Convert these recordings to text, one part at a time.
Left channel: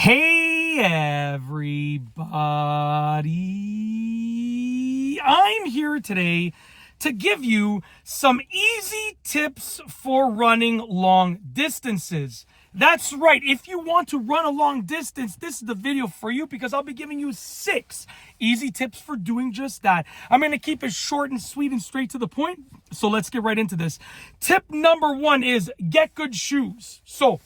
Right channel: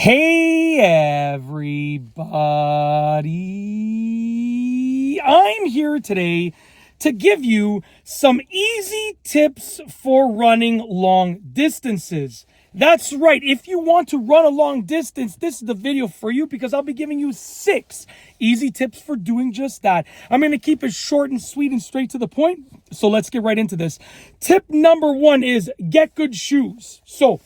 Hey everybody, I'm here today to give you some easy tips for running long distances. That's right, if you want to run a long distance, this is the video for you because I'll be giving you 6 easy tips for doing just that. I'm going to keep it short and sweet and straight to the point, so let's get right into this. Tip number 1 is get good shoes. So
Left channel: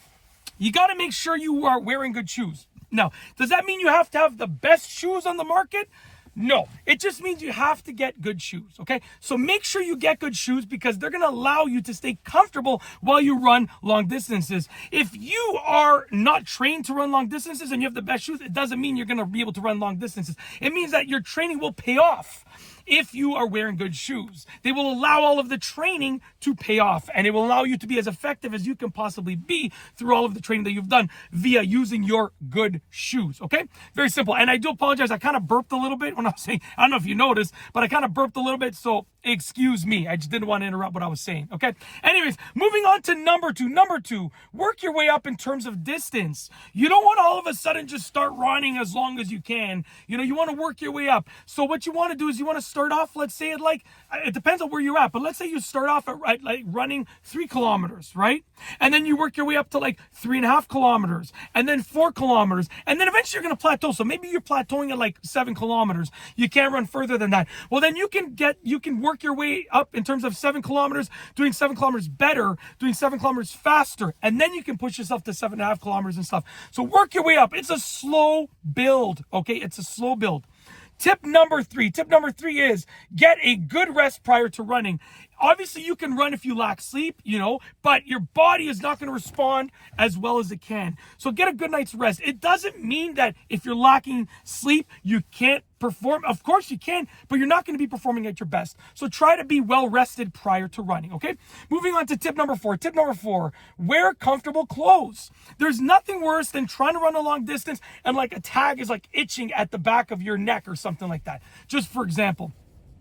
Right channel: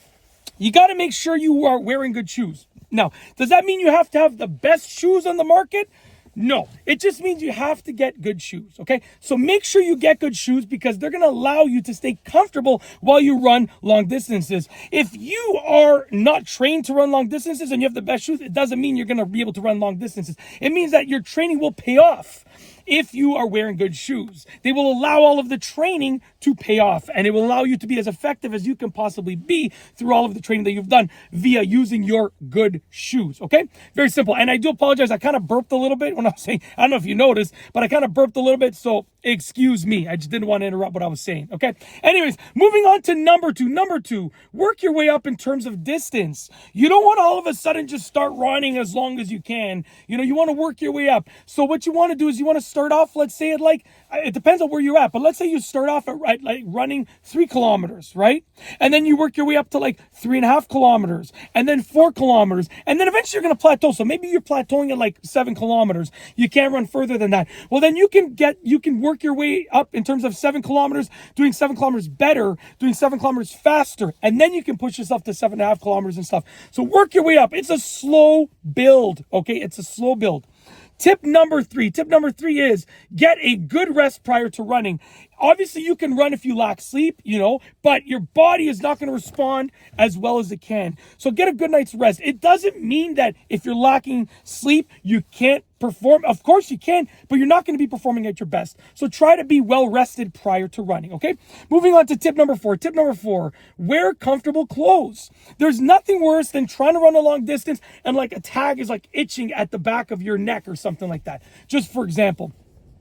you got to make sure you are wearing good shoes. Now, does that mean you have to have the best shoes on the market? No, it just means you have to get good shoes, okay? So make sure you get good shoes because they're going to allow you to stay comfortable while you run long distances. If you are not trained to run long distances and you have the best shoes, it doesn't mean you're going to be able to run long distances. It means that your training will pay off if you are wearing good shoes. They will allow all of the training to pay off, and it will allow you to be as effective as you can possibly be through all of the training that you've done via using your good shoes, okay? Very simple. And I do apologize, I kind of burped a little bit when I was saying, I don't know if you noticed, but I kind of burped a little bit, so excuse me. I just didn't want to interrupt what I was saying, okay? Anyways, moving on to number 2. Number 2, work your way up in terms of distance. You don't want to all of a sudden just start running as long as you can. You know, you want to work your way up. So what you want to do is you want to start off, let's say it depends on where you're at, but let's say you start off at like running 3 kilometers, right? And then you work your way up to like 3.5 kilometers and then 4 kilometers. And then eventually you're going to plateau. So maybe you're plateauing at like 7 kilometers. You can't run further than that. Well, then you can work your way up in terms of 7 kilometers, doing 7 kilometers better, doing 7 kilometers faster. And then you can push yourself to 7.5 kilometers and stuff. So work your way up. It's a slow build. Okay. It's a slow build. Tip number 3 is get a good rest prior to running. Obviously, you can run if you lack sleep, but your body is not going to respond as well as it can. So get a good night's rest. It doesn't mean that if you're lacking sleep, you can't perform. Of course you can, but you're not going to be performing at your best. So try to be well rested prior to running, okay? Moving on to tip number 4. Tip number 4, wear comfortable clothes. There's nothing worse than trying to run a long distance and like a tag is like itching at the back of your neck or something like that. Just for example.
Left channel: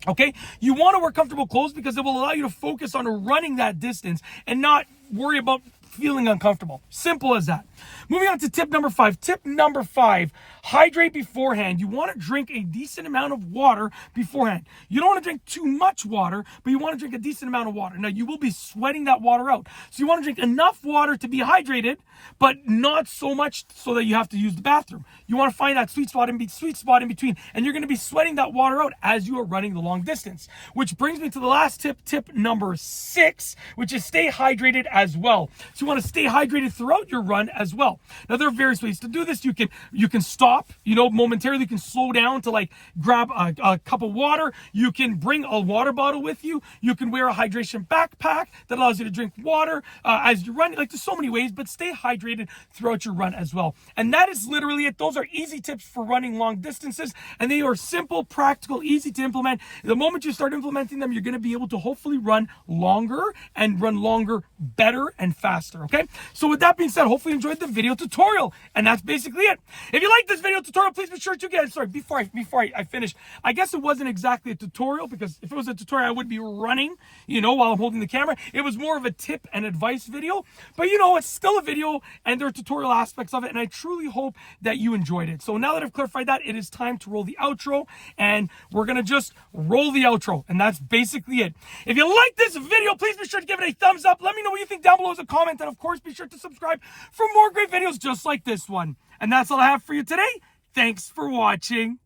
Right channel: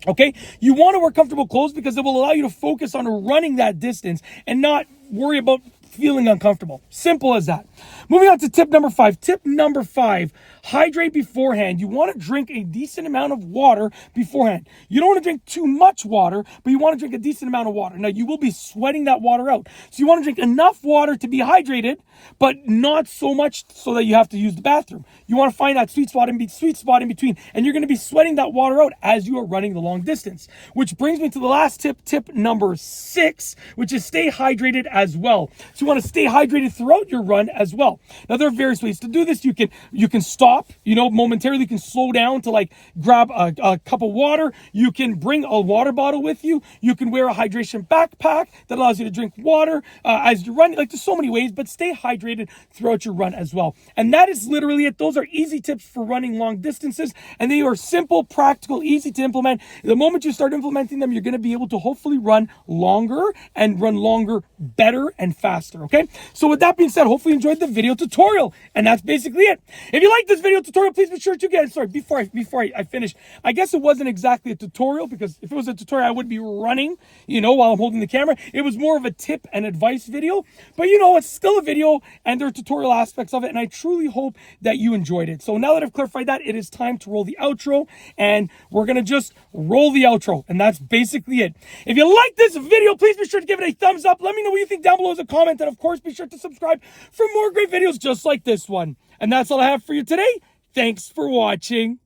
Okay, you want to wear comfortable clothes because it will allow you to focus on running that distance and not worry about feeling uncomfortable. Simple as that. Moving on to tip number 5. Tip number 5, hydrate beforehand. You want to drink a decent amount of water beforehand. You don't want to drink too much water, but you want to drink a decent amount of water. Now, you will be sweating that water out. So you want to drink enough water to be hydrated, but not so much so that you have to use the bathroom. You want to find that sweet spot in between, and you're going to be sweating that water out as you are running the long distance. Which brings me to the last tip number 6, which is stay hydrated as well. So you want to stay hydrated throughout your run as well. Now, there are various ways to do this. You can stop, momentarily. You can slow down to like grab a cup of water. You can bring a water bottle with you. You can wear a hydration backpack that allows you to drink water as you run. Like, there's so many ways, but stay hydrated throughout your run as well. And that is literally it. Those are easy tips for running long distances, and they are simple, practical, easy to implement. The moment you start implementing them, you're going to be able to hopefully run longer and run longer better and faster, okay? So with that being said, hopefully you enjoyed the video tutorial, and that's basically it. If you like this video tutorial, please be sure to before I finish, I guess it wasn't exactly a tutorial, because if it was a tutorial, I would be running, while I'm holding the camera. It was more of a tip and advice video, but it's still a video, and there are tutorial aspects of it, and I truly hope that you enjoyed it. So now that I've clarified that, it is time to roll the outro, and we're going to just roll the outro, and that's basically it. If you like this video, please be sure to give it a thumbs up. Let me know what you think down below as a comment, and of course, be sure to subscribe for more great videos just like this one. And that's all I have for you today. Thanks for watching.